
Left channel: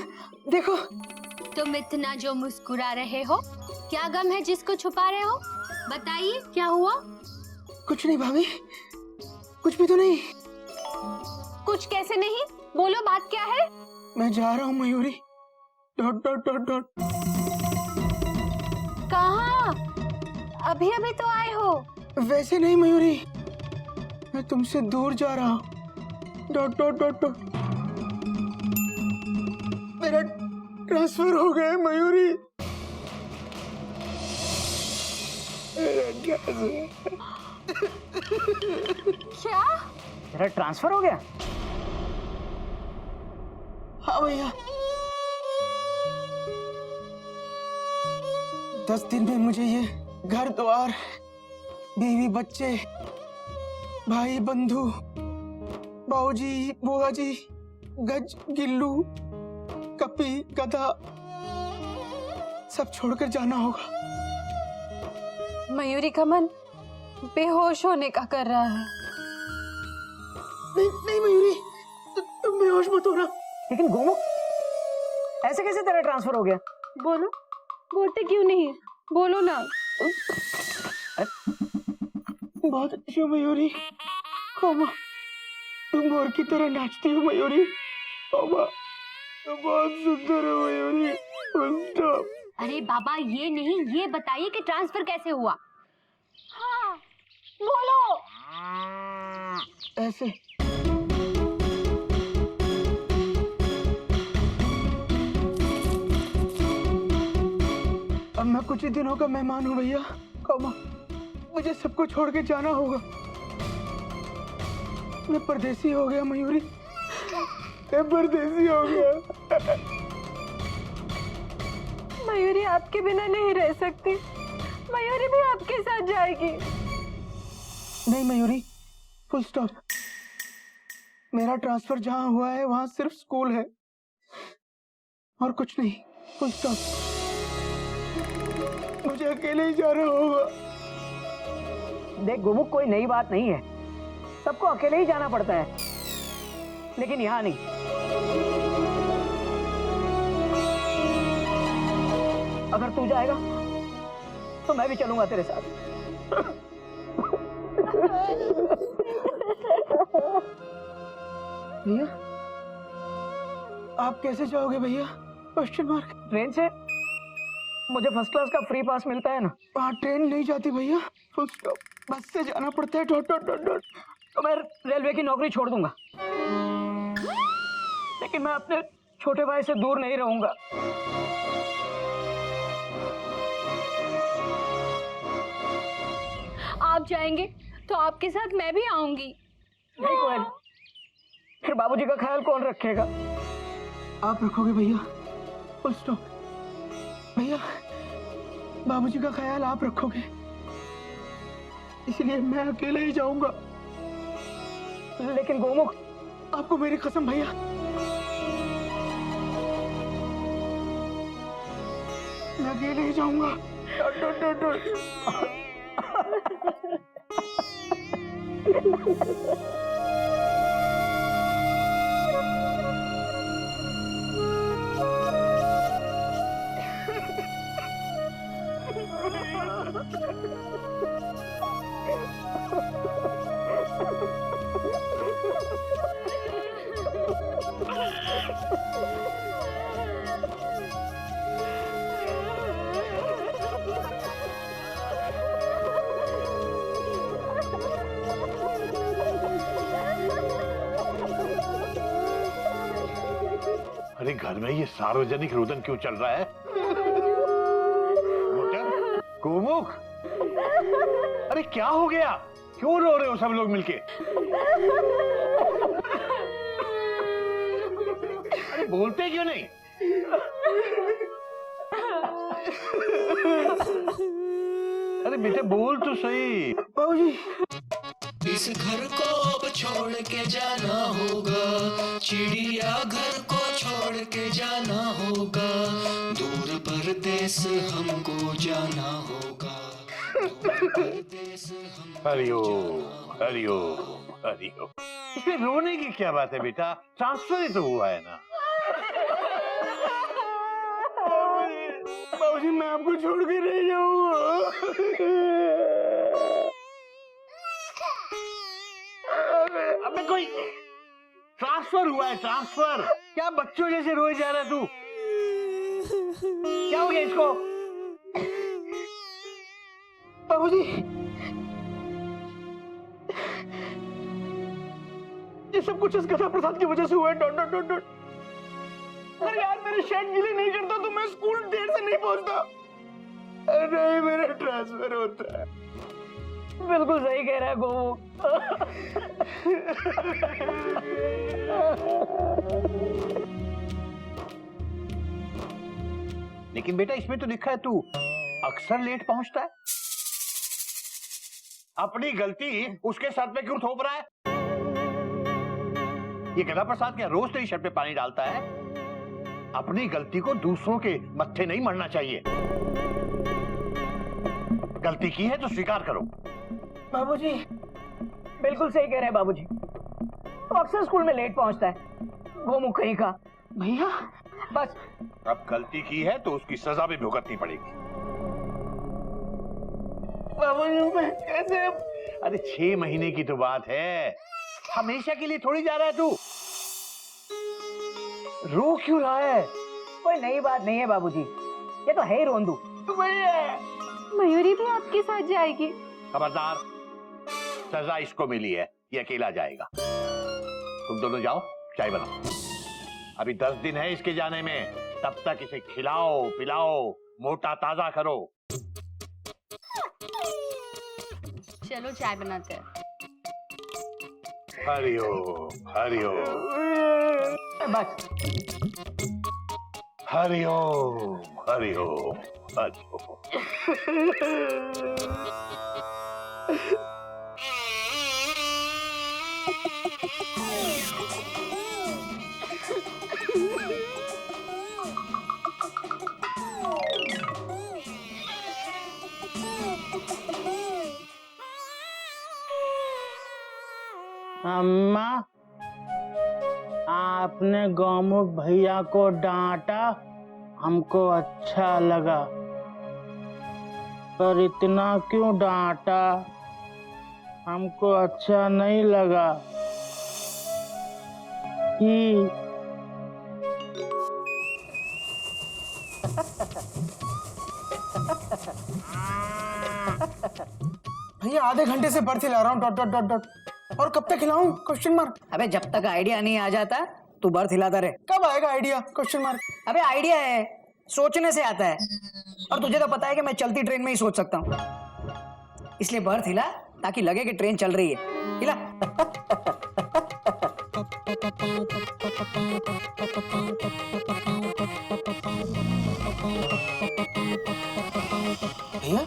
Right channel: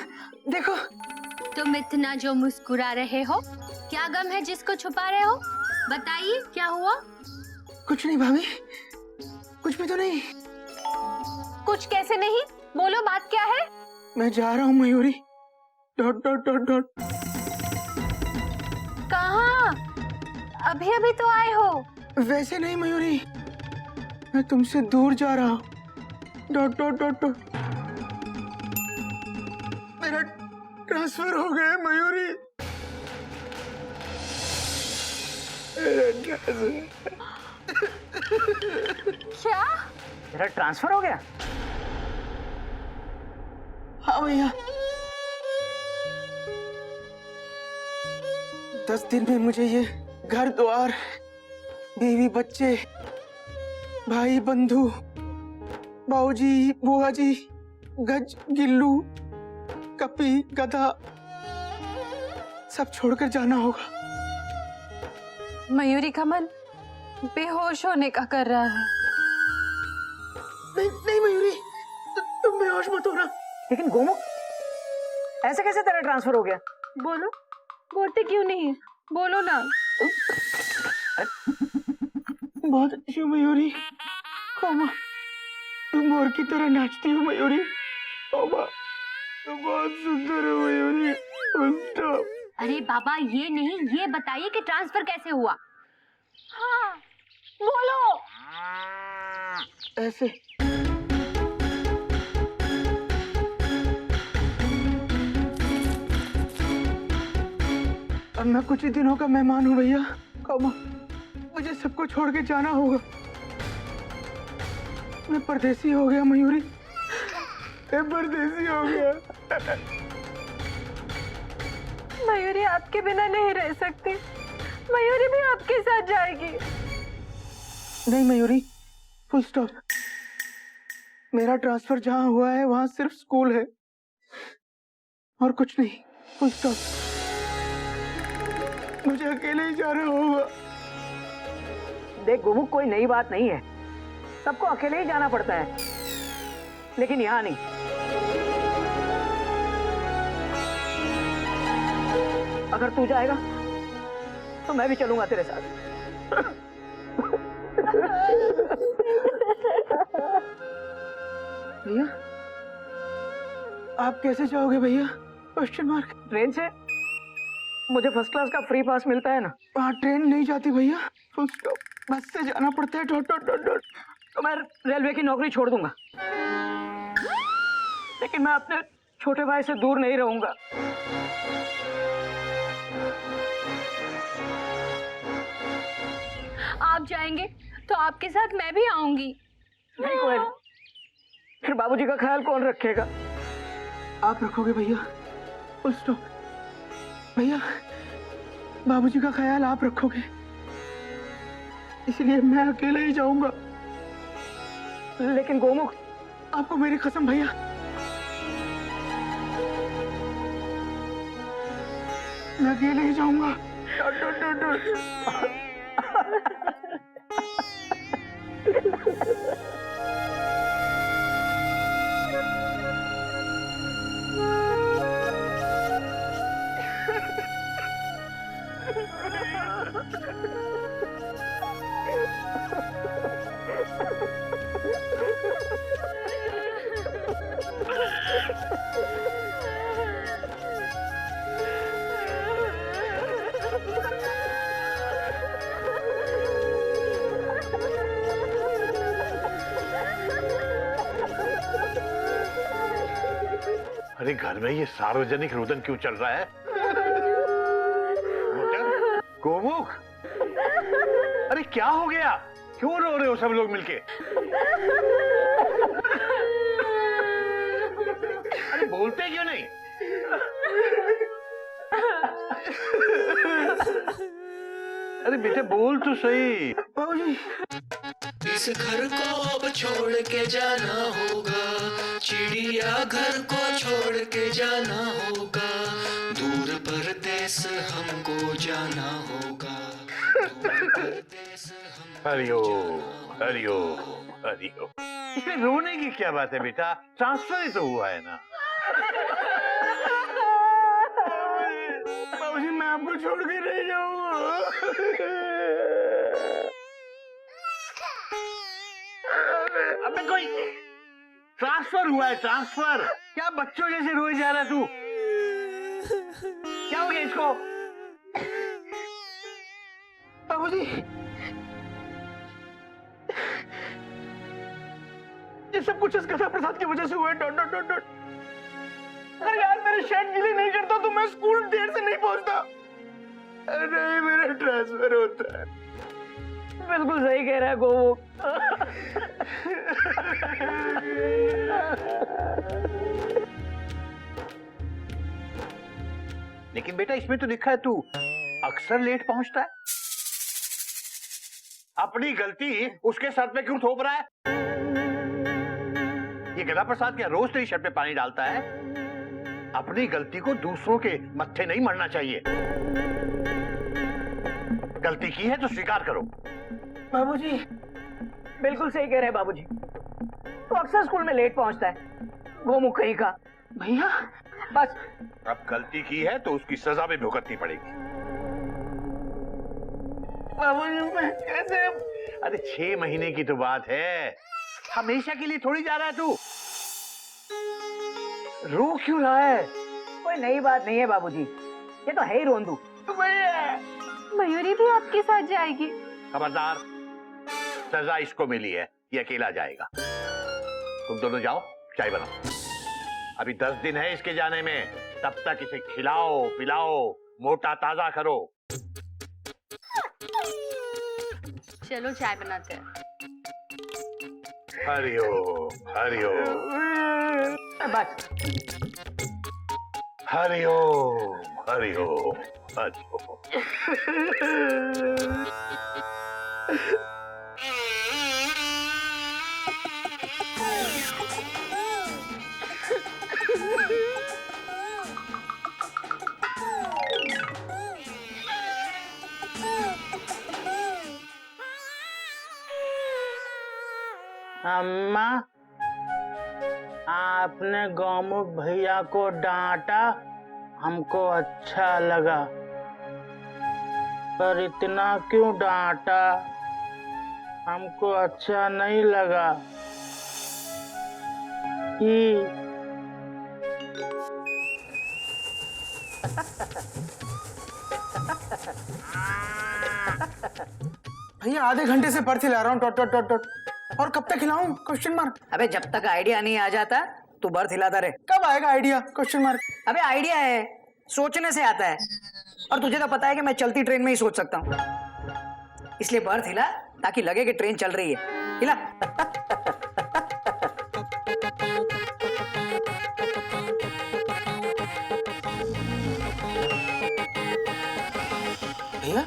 देखो। तुम इतना जो मुस्कुरा रहे हो, क्या गम है जिसको छुपा रहे हो? बताइए, क्या हुआ? कुछ नहीं भाभी, कुछ भी तो नहीं। कुछ कैसे नहीं? बोलो, बात क्या है? मैं जा रहा हूँ Mayuri. Dot dot dot dot. कहाँ? अभी अभी तो आए हो। वैसे नहीं मयूरी, मैं तुमसे दूर जा रहा हूँ। Dot dot dot dot. मेरा ट्रांसफर हो गया मयूरी। क्या? तेरा ट्रांसफर हो गया? हाँ भैया, 10 दिन में मुझे ये घर द्वार, बीवी बच्चे, भाई बंधु, बाऊजी बुआ जी, गज गिल्लू, कपी गधा, सब छोड़कर जाना होगा। मयूरी का मन बेहोश होने का कर रहा है। नहीं नहीं मयूरी, तुम बेहोश मत होना। लेकिन गोमुख, ऐसे कैसे तेरा ट्रांसफर हो गया? बोलो, बोलते क्यों नहीं? बोलो ना। बहुत अच्छी हो मयूरी, कोमा। तुम मोर की तरह नाचती हो मयूरी, कोमा। तुम बहुत सुंदर हो मयूरी। स्टॉप। अरे बाबा, ये नहीं, ये बताइए कि ट्रांसफर कैसे हुआ? हाँ, बोलो। ऐसे। अब मैं कुछ ही दिनों का मेहमान हूँ भैया, कोमा। मुझे सबको छोड़ के जाना होगा। मैं परदेसी हो गया मयूरी, मैं परदेसी हो गया। मयूरी आपके बिना नहीं रह सकती। मयूरी भी आपके साथ जाएगी। नहीं मयूरी, फुल स्टॉप। मेरा ट्रांसफर जहां हुआ है वहां सिर्फ स्कूल है और कुछ नहीं। Full stop. मुझे अकेले ही जाना होगा। देख गोमुख, कोई नई बात नहीं है, सबको अकेले ही जाना पड़ता है, लेकिन यहाँ नहीं। अगर तू जाएगा तो मैं भी चलूंगा तेरे साथ। भैया आप कैसे जाओगे भैया? Question mark. ट्रेन से मुझे फर्स्ट क्लास का फ्री पास मिलता है ना। वहाँ ट्रेन नहीं जाती भैया, फुल स्टॉप। बस से जाना पड़ता है। Dot dot dot dot. तो मैं रेलवे की नौकरी छोड़ दूंगा, लेकिन मैं अपने छोटे भाई से दूर नहीं रहूंगा। आप जाएंगे तो आपके साथ मैं भी आऊंगी। नहीं कोयल, फिर बाबूजी का ख्याल कौन रखेगा? आप रखोगे भैया, फुल स्टॉप। भैया बाबूजी का ख्याल आप रखोगे, इसलिए मैं अकेले ही जाऊंगा। लेकिन गोमुख, आपको मेरी कसम भैया, मैं अकेले ही जाऊंगा। Dot dot dot dot. अरे घर में ये सार्वजनिक रुदन क्यों चल रहा है? गोमुख, अरे क्या हो गया? क्यों रो रहे हो सब लोग मिलके? अरे बोलते क्यों नहीं? अरे बेटे बोल तो सही। बाबूजी इस घर को अब छोड़ के जाना होगा, चिड़िया घर को छोड़ के जाना होगा, दूर परदेस हमको जाना होगा, दूर परदेस हमको हरिओ जाना हरिओ हरिओ। इसमें रोने की क्या बात है बेटा? ट्रांसफर ही तो हुआ है ना। बाबूजी मैं आपको छोड़ के नहीं जाऊंगा। अबे कोई ट्रांसफर हुआ है, ट्रांसफर। क्या बच्चों जैसे रोए जा रहा है तू? क्या हो गया इसको? बाबूजी ये सब कुछ इस गधा प्रसाद की वजह से हुआ है। Dot dot dot dot. अरे यार मेरे शर्ट गीली नहीं करता तो मैं स्कूल देर से नहीं पहुंचता। अरे मेरा ट्रांसफर होता है। बिल्कुल सही कह रहा है गोमुख। लेकिन बेटा इसमें तो लिखा है तू अक्सर लेट पहुंचता है। अपनी गलती उसके सर पे क्यों थोप रहा है? ये गधा प्रसाद क्या रोज तेरी शर्ट पे पानी डालता है? अपनी गलती को दूसरों के मत्थे नहीं मरना चाहिए। गलती की है तो स्वीकार करो। बाबूजी बिल्कुल सही कह रहे हैं बाबूजी। तो अक्सर स्कूल में लेट पहुंचता है गोमुख कहीं का। भैया बस अब गलती की है तो उसकी सजा भी भुगतनी पड़ेगी। बाबूजी मैं कैसे? अरे 6 महीने की तो बात है, हमेशा के लिए थोड़ी जा रहा है तू। रो क्यों रहा है? कोई नई बात नहीं है बाबूजी, ये तो है ही रोंदू। मयूरी भी आपके साथ जाएगी। खबरदार, सजा इसको मिली है, ये अकेला जाएगा। तुम दोनों जाओ, चाय बनाओ। अभी 10 दिन है इसके जाने में, तब तक इसे खिलाओ पिलाओ, मोटा ताजा करो। चलो चाय बनाते हैं। हरिओम हरिओम बस हरिओम हरिओम हरिओम। अम्मा, आपने गौमुख भैया को डांटा, हमको अच्छा लगा, पर इतना क्यों डांटा? हमको अच्छा नहीं लगा। कि भैया आधे घंटे से बर्थ हिला रहा हूँ डॉट डॉट डॉट डॉट, और कब तक हिलाऊं? Question mark. अबे जब तक आइडिया नहीं आ जाता तू बर्थ हिलाता रहे। कब आएगा आइडिया? Question mark. अबे आइडिया है, सोचने से आता है, और तुझे तो पता है कि मैं चलती ट्रेन में ही सोच सकता हूँ, इसलिए बर्थ हिला ताकि लगे कि ट्रेन चल रही है। हिला। भैया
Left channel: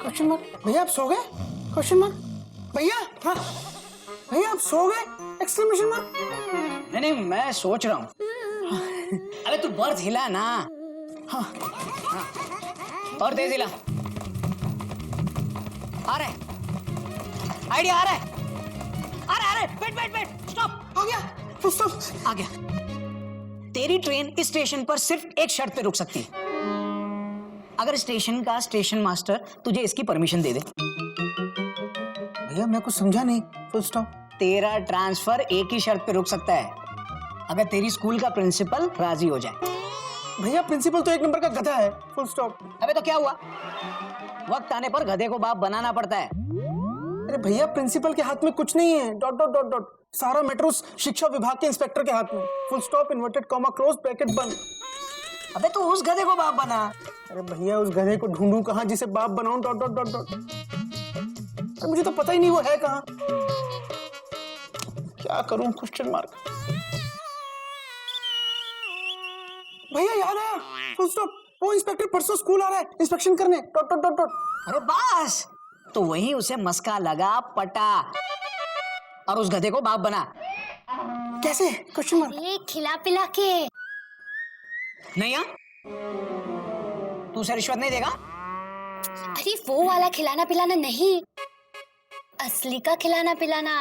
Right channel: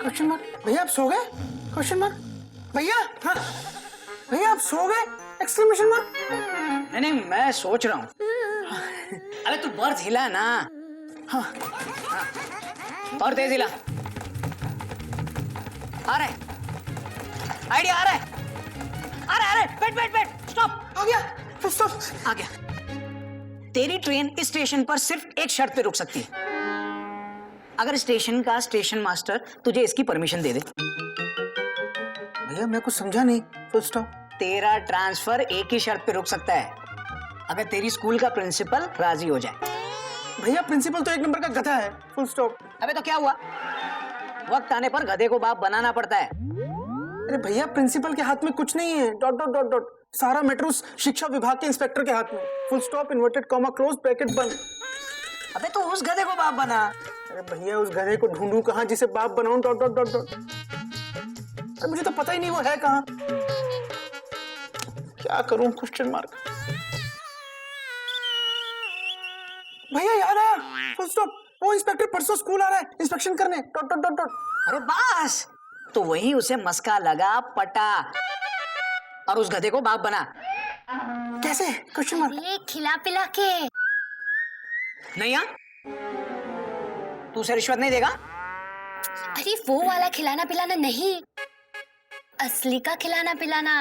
क्वेश्चन मार्क। भैया आप सो गए? Question mark. भैया हाँ भैया आप सो गए? Exclamation mark. नहीं नहीं मैं सोच रहा हूँ। अबे तू बर्थ हिला ना। हाँ हाँ और तेज हिला। आ रहा है आइडिया, आ रहा है, आ रहा है। बैठ बैठ बैठ, स्टॉप। आ गया, स्टॉप। आ गया। तेरी ट्रेन इस स्टेशन पर सिर्फ एक शर्त पे रुक सकती है, अगर स्टेशन का स्टेशन मास्टर तुझे इसकी परमिशन दे दे। भैया मैं कुछ समझा नहीं। Full stop. तेरा ट्रांसफर एक ही शर्त पे रुक सकता है, अगर तेरी स्कूल का प्रिंसिपल राजी हो जाए। भैया प्रिंसिपल तो एक नंबर का गधा है। Full stop. अबे तो क्या हुआ, वक्त आने पर गधे को बाप बनाना पड़ता है। अरे भैया प्रिंसिपल के हाथ में कुछ नहीं है। Dot dot dot dot. सारा मैटर उस शिक्षा विभाग के इंस्पेक्टर के हाथ में। Full stop, inverted comma, close bracket बंद। अबे तो उस गधे को बाप बना। अरे भैया उस गधे को ढूंढूं कहाँ जिसे बाप बनाऊं? Dot dot dot dot. अरे मुझे तो पता ही नहीं वो है कहाँ। क्या करूं? Question mark. भैया याद आया। Full stop. वो इंस्पेक्टर परसों स्कूल आ रहा है इंस्पेक्शन करने। Dot dot dot dot. अरे बस, तो वही उसे मस्का लगा, पटा और उस गधे को बाप बना। कैसे? Question mark. ये खिला पिला के। नहीं हाँ, तू उसे रिश्वत नहीं देगा? अरे वो वाला खिलाना पिलाना नहीं, असली का खिलाना पिलाना।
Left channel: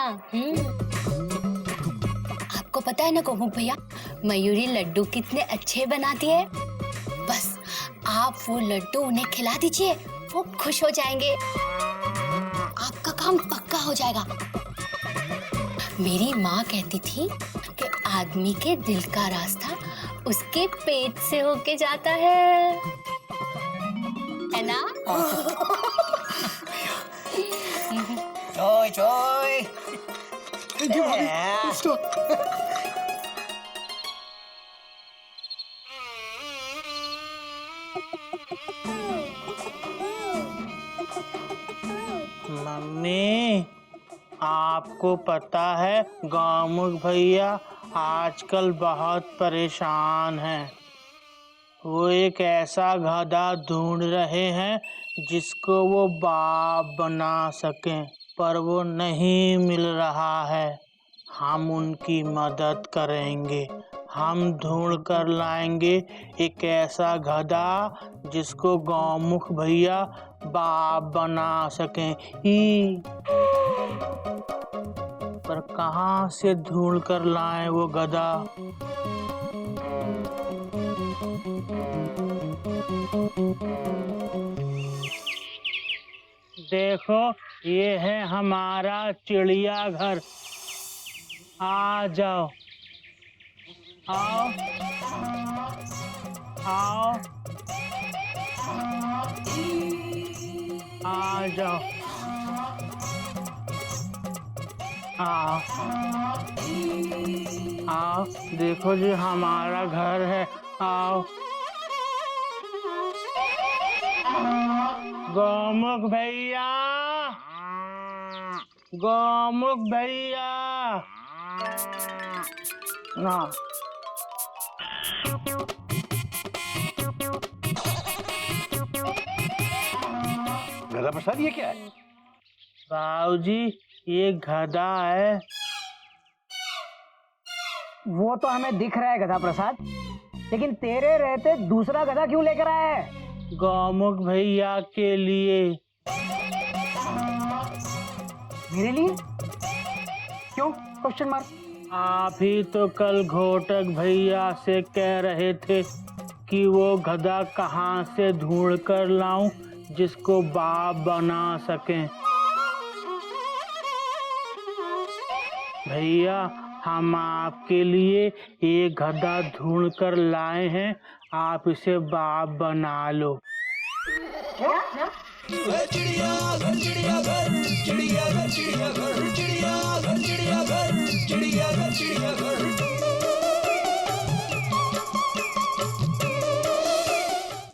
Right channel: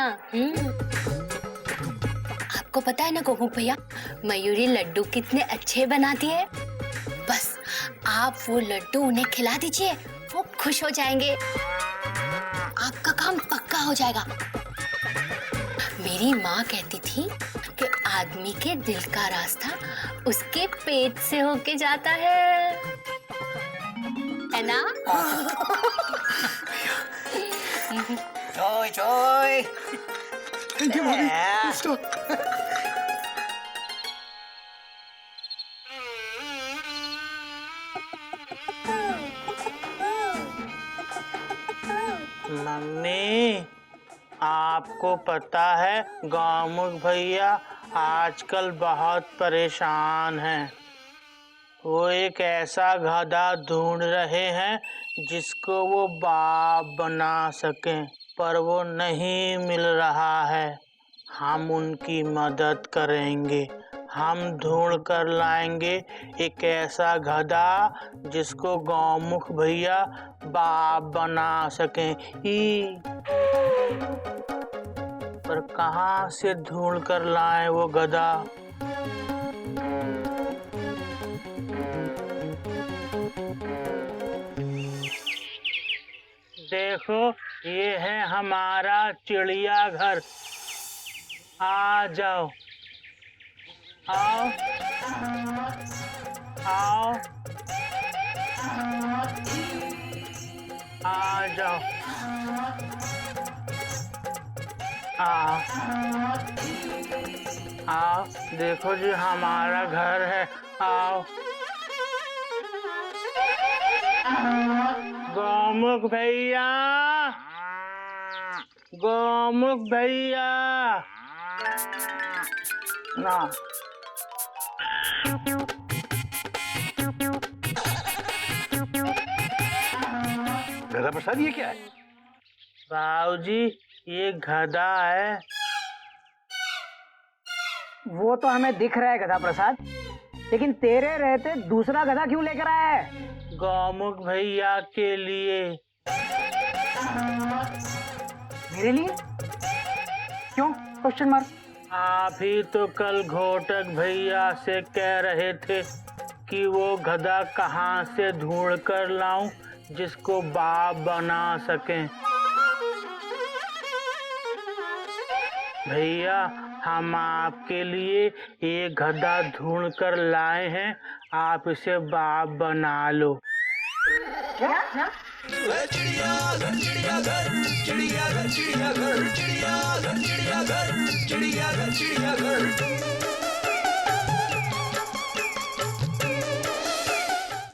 आपको पता है ना गोमुख भैया, मयूरी लड्डू कितने अच्छे बनाती है। बस आप वो लड्डू उन्हें खिला दीजिए, वो खुश हो जाएंगे, आपका काम पक्का हो जाएगा। मेरी माँ कहती थी कि आदमी के दिल का रास्ता उसके पेट से होके जाता है ना? चोय चोय। थैंक यू भाभी। Full stop. मम्मी, आपको पता है गौमुख भैया आजकल बहुत परेशान हैं। वो एक ऐसा गधा ढूंढ रहे हैं जिसको वो बाप बना सकें, पर वो नहीं मिल रहा है। हम उनकी मदद करेंगे, हम ढूंढ कर लाएंगे एक ऐसा गधा जिसको गौमुख भैया बाप बना सकें। पर कहाँ से ढूंढ कर लाएं वो गधा? देखो ये है हमारा चिड़ियाघर, आ जाओ, आओ आओ, आ जाओ, आओ आओ, देखो जी हमारा घर है, आओ। गौमुख भैया, गोमुख भैया ना गधा प्रसाद ये क्या है? बाबूजी ये गधा है। वो तो हमें दिख रहा है गधा प्रसाद, लेकिन तेरे रहते दूसरा गधा क्यों लेकर आया है? गोमुख भैया के लिए। मेरे लिए? क्यों? Question mark. आप ही तो कल घोटक भैया से कह रहे थे कि वो गधा कहाँ से ढूंढ कर लाऊं जिसको बाप बना सकें। भैया हम आपके लिए एक गधा ढूंढ कर लाए हैं, आप इसे बाप बना लो। चिड़ियाघर चिड़ियाघर चिड़ियाघर चिड़ियाघर चिड़ियाघर चिड़ियाघर चिड़ियाघर चिड़ियाघर